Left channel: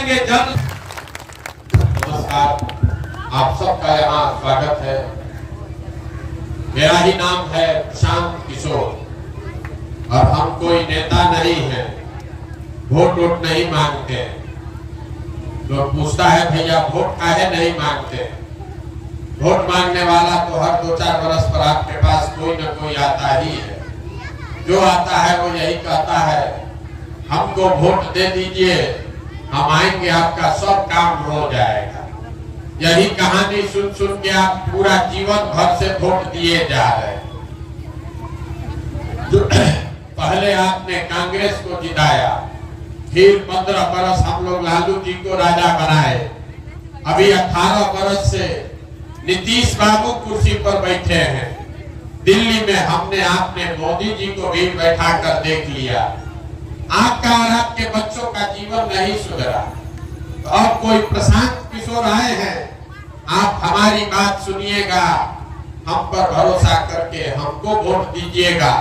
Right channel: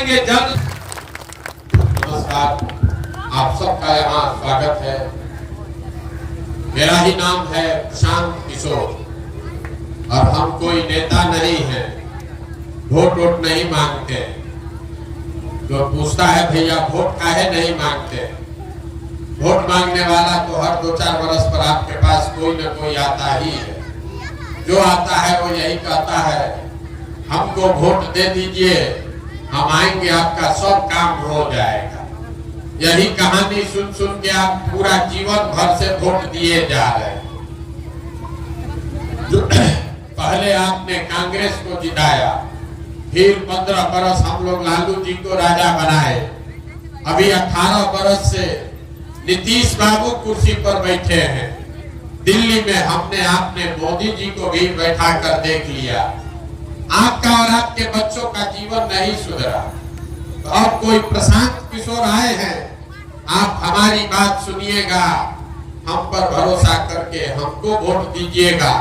बनाएंगे जल। नमस्कार, आप सबका यहाँ स्वागत है। मेरा ही नाम है प्रशांत किशोर और हम कोई नेता नहीं है, वोट वोट नहीं मांगते। तो पूछता है भैया वोट काहे नहीं मांगते? वोट मांगने वाला तो हर 2-4 वर्ष पर आपके पास कोई न कोई आता ही है। जो आता है वो यही कहता है हमको वोट दे दीजिए, हम आएंगे, आपका सब काम हो जाएगा। यही कहानी सुन सुन के आप पूरा जीवन भर से वोट दिए जा रहे हैं। पहले आपने कांग्रेस को जिताया, फिर 15 बरस हम लोग लालू जी को राजा बनाए, अभी 18 बरस से नीतीश बाबू कुर्सी पर बैठे हैं। दिल्ली में हमने आपने मोदी जी को भी बैठा कर देख लिया। आपका और आपके बच्चों का जीवन नहीं सुधरा। तो अब कोई प्रशांत किशोर आए हैं, आप हमारी बात सुनिएगा, हम पर भरोसा करके हमको वोट दीजिएगा।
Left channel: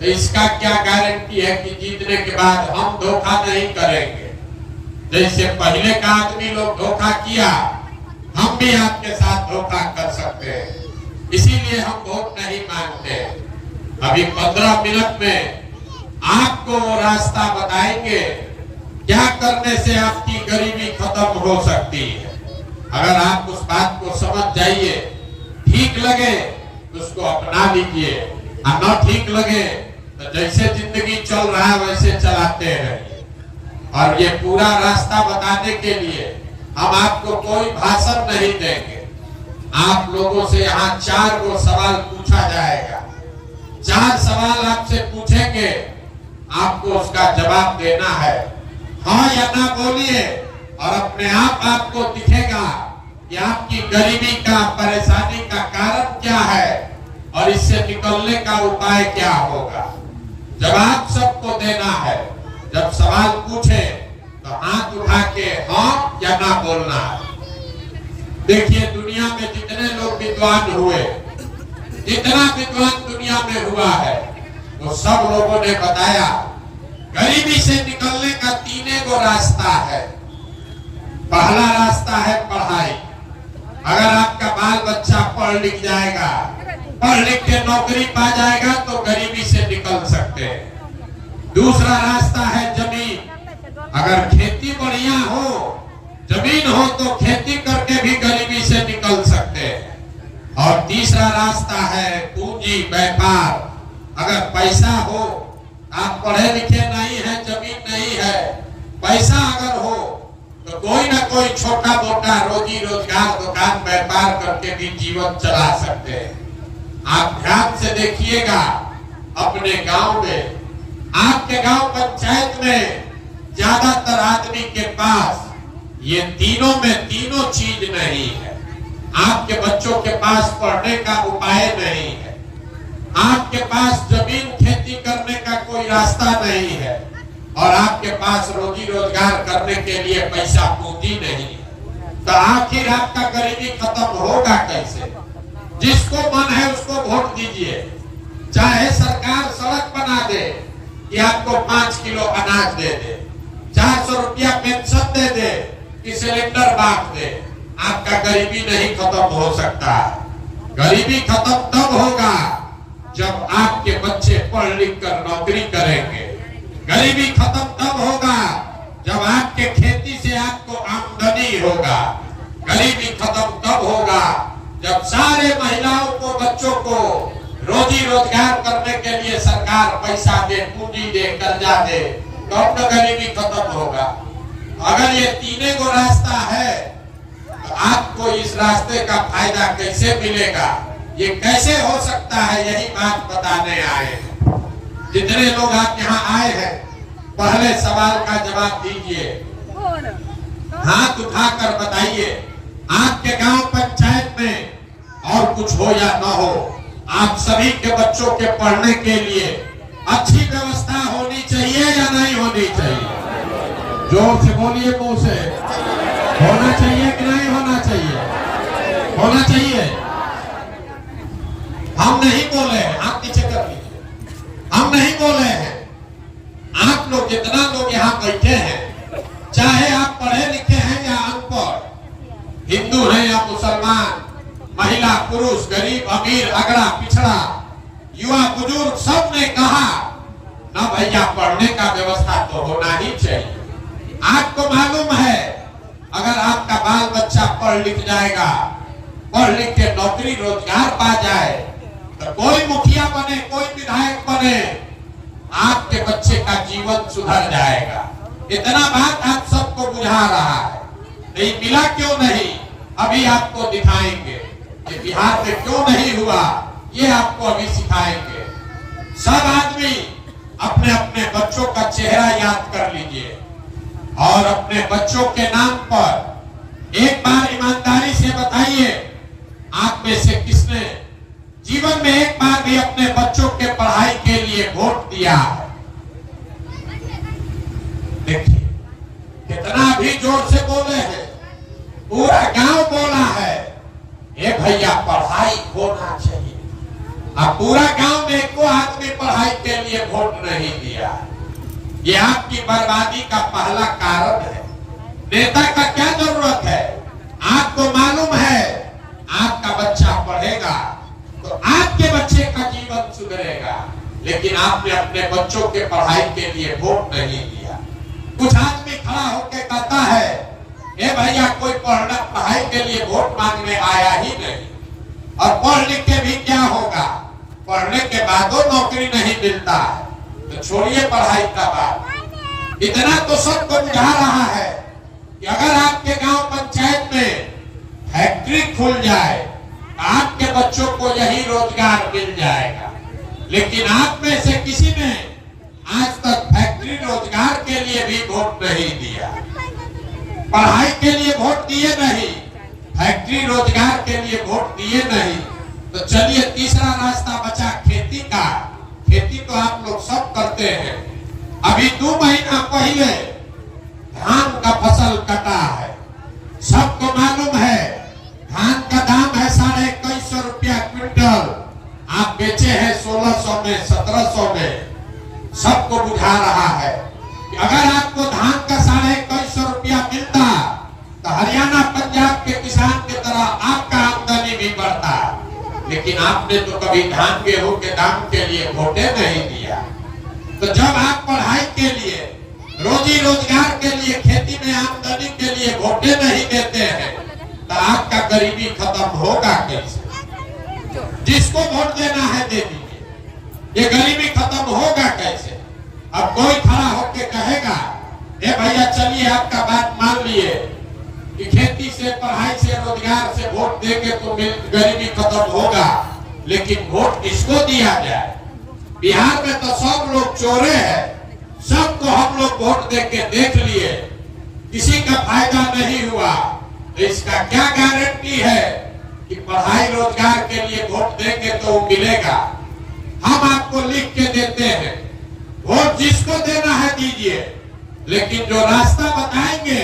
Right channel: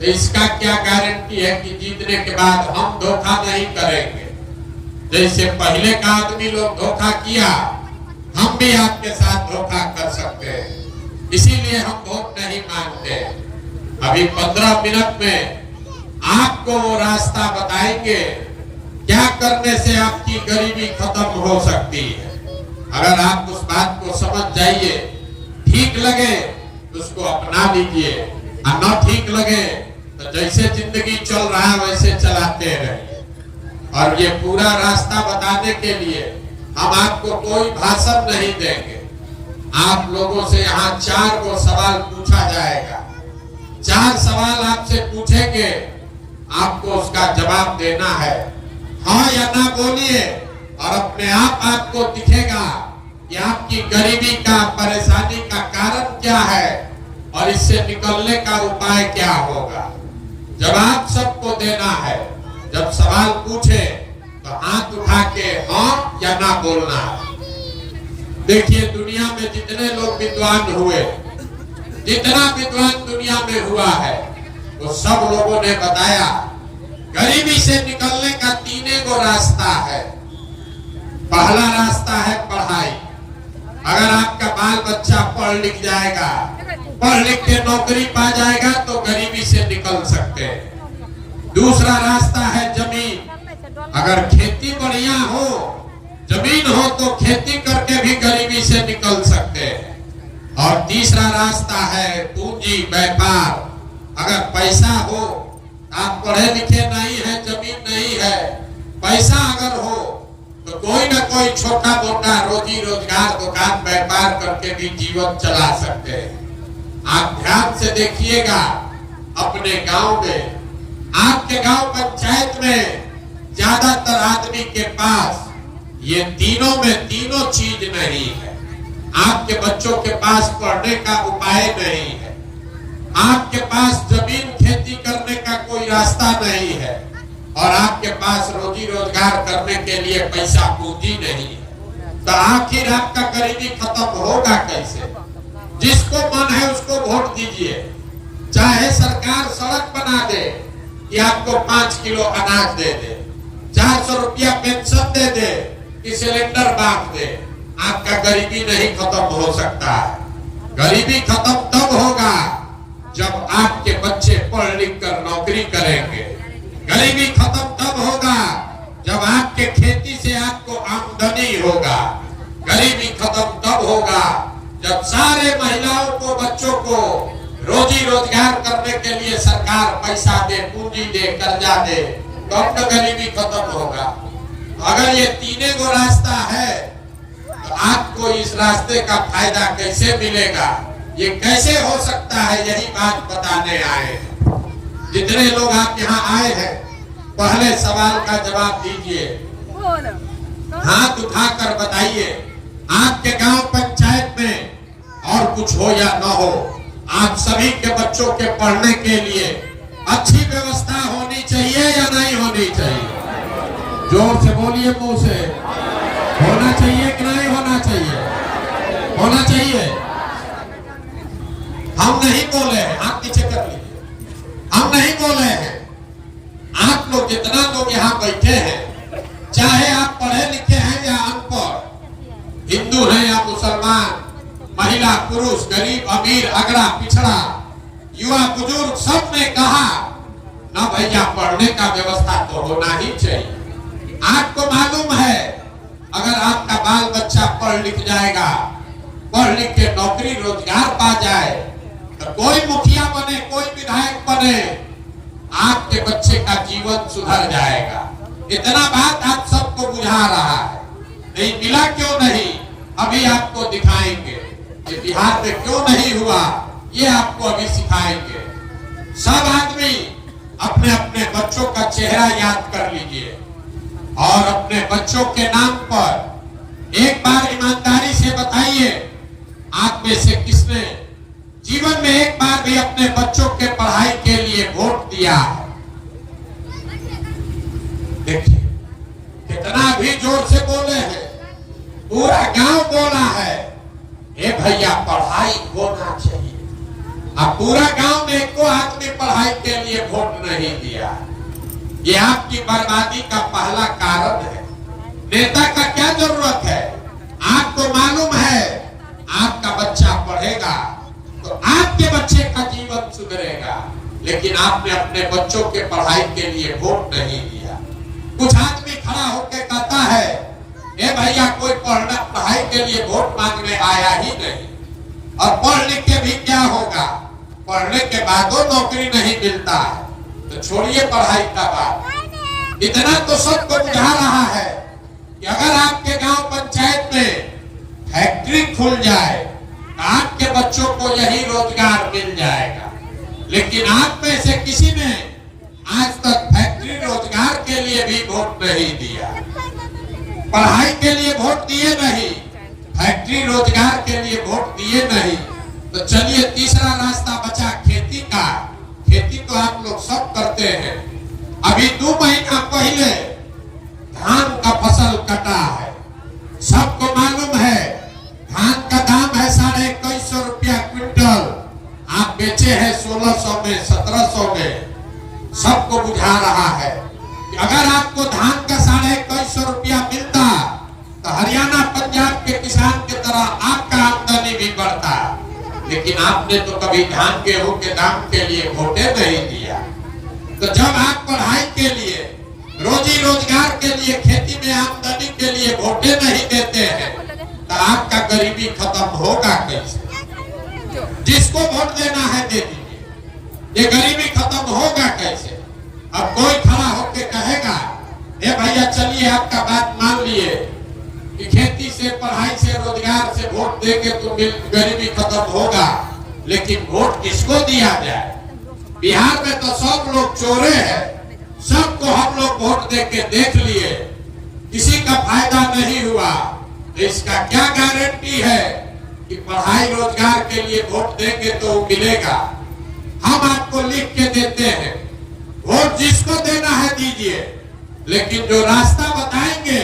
तो इसका क्या गारंटी है कि जीतने के बाद हम धोखा नहीं करेंगे? जैसे पहले का आदमी लोग धोखा किया, हम भी आपके साथ धोखा कर सकते हैं। इसीलिए हम वोट नहीं मांगते। अभी 15 मिनट में आपको वो रास्ता बताएंगे क्या करने से आपकी गरीबी खत्म हो सकती है। अगर आप उस बात को समझ जाइए, ठीक लगे तो उसको अपना लीजिए, और न ठीक लगे तो जैसे जिंदगी चल रहा है वैसे चलाते रहिए। और ये पूरा रास्ता बताने के लिए हम आपको कोई भाषण नहीं देंगे। आप लोगों से यहाँ 4 गो सवाल पूछा जाएगा। 4 सवाल आपसे पूछेंगे, आपको उसका जवाब देना है, हाँ या ना बोलिए, और अपने आप आपको दिखेगा कि आपकी गरीबी का, परेशानी का कारण क्या है और इससे निकलने का उपाय क्या होगा। जवाब सबको देना है। जब सवाल पूछे तो हाथ उठा के हाँ या ना बोलना है। देखिए दुनिया में जितने लोग विद्वान हुए, जितना विद्वान दुनिया में हुआ है, वो सब लोगों ने बताया गरीबी से निकलने का 3 गो रास्ता है। पहला रास्ता है पढ़ाई। अगर आपका बाल बच्चा पढ़ लिख जाएगा, पढ़ लिख के नौकरी पा जाएगा तो गरीबी से निकल सकते हैं। दूसरा रास्ता है जमीन। अगर खेती बढ़िया हो, जमीन हो, तो खेती करके भी गरीबी से निकल सकते हैं। और तीसरा रास्ता है पूंजी, व्यापार। अगर पैसा हो, आप पढ़े लिखे नहीं है, जमीन नहीं है, पैसा अगर हो तो कोई ना कोई छोटा मोटा रोजी रोजगार, दुकान व्यापार करके भी जीवन चला सकते हैं। आप ध्यान से देखिएगा, अपने गांव में, आपके गांव पंचायत में ज्यादातर आदमी के पास ये तीनों में तीनों चीज नहीं है। आपके बच्चों के पास पढ़ने का उपाय नहीं है, आपके पास जमीन खेती करने का कोई रास्ता नहीं है, और आपके पास रोजी रोजगार करने के लिए पैसा पूंजी नहीं है। तो आखिर आपका गरीबी खत्म होगा कैसे? जिसको मन है उसको वोट दीजिए। चाहे सरकार सड़क बना दे कि आपको 5 किलो अनाज दे दे, 400 रुपया पेंशन दे दे कि सिलेंडर बांट दे, आपका गरीबी नहीं खत्म हो सकता। गरीबी खत्म तब होगा जब आपके बच्चे पढ़ लिख कर नौकरी करेंगे। गरीबी खत्म तब होगा जब आपके खेती से आपको आमदनी होगा। गरीबी खत्म तब होगा जब सारे महिलाओं को, बच्चों को रोजी रोजगार करने के लिए सरकार पैसा दे, पूंजी दे, कर्जा दे, तो अब गरीबी खत्म होगा। अगर ये 3 गो रास्ता है तो आपको इस रास्ते का फायदा कैसे मिलेगा, ये कैसे हो सकता है, यही बात बताने आए हैं। जितने लोग आप यहाँ आए हैं, पहले सवाल का जवाब दीजिए, हाथ उठाकर बताइए, आपके गांव पंचायत में और कुछ हो या न हो, आप सभी के बच्चों के पढ़ने के लिए अच्छी व्यवस्था होनी चाहिए या नहीं होनी चाहिए? जोर से बोलिए, मुंह से। होना चाहिए कि नहीं होना चाहिए? होना चाहिए। हम नहीं बोले हैं, आप पीछे कर लीजिए, हम नहीं बोले हैं। आप लोग जितना लोग यहाँ बैठे हैं, चाहे आप पढ़े आपको मालूम है अगर आपका बाल बच्चा पढ़ लिख जाएगा, पढ़ लिख के नौकरी रोजगार पा जाए, तो कोई मुखिया बने, कोई विधायक बने, आपके बच्चे का जीवन सुधर जाएगा। इतना बात आप सबको बुझा रहा है। नहीं मिला क्यों नहीं, अभी आपको दिखाएंगे। ये बिहार में क्यों नहीं हुआ, ये आपको अभी सिखाएंगे। सब आदमी अपने अपने बच्चों का चेहरा याद कर लीजिए और अपने बच्चों के नाम पर एक बार ईमानदारी से बताइए, आप में से किसने जीवन में एक बार भी अपने बच्चों के पढ़ाई के लिए वोट दिया है? देखिए कितना भी जोर से बोले हैं, पूरा गांव बोला है ए भैया पढ़ाई होना चाहिए। अब पूरा गांव में को आदमी पढ़ाई के लिए वोट नहीं दिया। ये आपकी बर्बादी का पहला कारण है। नेता का क्या जरूरत है? आपको मालूम है आपका बच्चा पढ़ेगा तो आपके बच्चे का जीवन सुधरेगा, लेकिन आपने अपने बच्चों के पढ़ाई के लिए वोट नहीं दिया। कुछ आदमी खड़ा होकर कहता है ए भैया कोई पढ़ाई के लिए वोट मांगने आया ही नहीं, और पढ़ लिख के भी क्या होगा, पढ़ने के बाद नौकरी नहीं मिलता है, तो छोड़िए पढ़ाई का बात। इतना तो सबको बुझा रहा है कि अगर आपके गांव पंचायत में फैक्ट्री खुल जाए, आपके बच्चों को यही रोजगार मिल जाएगा। लेकिन आप में से किसी ने आज तक फैक्ट्री रोजगार के लिए भी वोट नहीं दिया, पढ़ाई के लिए वोट दिए नहीं, फैक्ट्री रोजगार के लिए वोट दिए नहीं। तो चलिए तीसरा रास्ता बचा खेती का। खेती तो आप लोग सब करते हैं। अभी 2 महीना पहले धान का फसल कटा है, सबको मालूम है। धान का दाम है 2150 रुपया क्विंटल, आप बेचे हैं 1600 में, 1700 में। सबको बुझा रहा है कि अगर आपको धान का 2150 रुपया मिलता तो हरियाणा पंजाब के किसान की तरह आपका आमदनी भी बढ़ता। लेकिन आपने तो कभी धान गेहूं के दाम के लिए वोटे नहीं दिया। तो जब आप पढ़ाई के लिए, रोजी रोजगार के लिए, खेती में आमदनी के लिए वोटे नहीं देते हैं तो आपका गरीबी खत्म होगा कैसे? जिसको वोट देना है दे दीजिए, ये गरीबी खत्म होगा कैसे? अब कोई खड़ा होकर कहेगा ए भैया चलिए आपका बात मान लिए कि खेती से, पढ़ाई से, रोजगार से वोट देके तो गरीबी खत्म होगा, लेकिन वोट किसको दिया जाए? बिहार में तो सब लोग चोरे हैं, सबको हम लोग वोट देके देख लिए, किसी का फायदा नहीं हुआ। इसका क्या गारंटी है कि पढ़ाई रोजगार के लिए वोट देंगे तो मिलेगा? हम आपको लिख के देते हैं, वोट जिसको देना है दीजिए, लेकिन जो रास्ता बताएंगे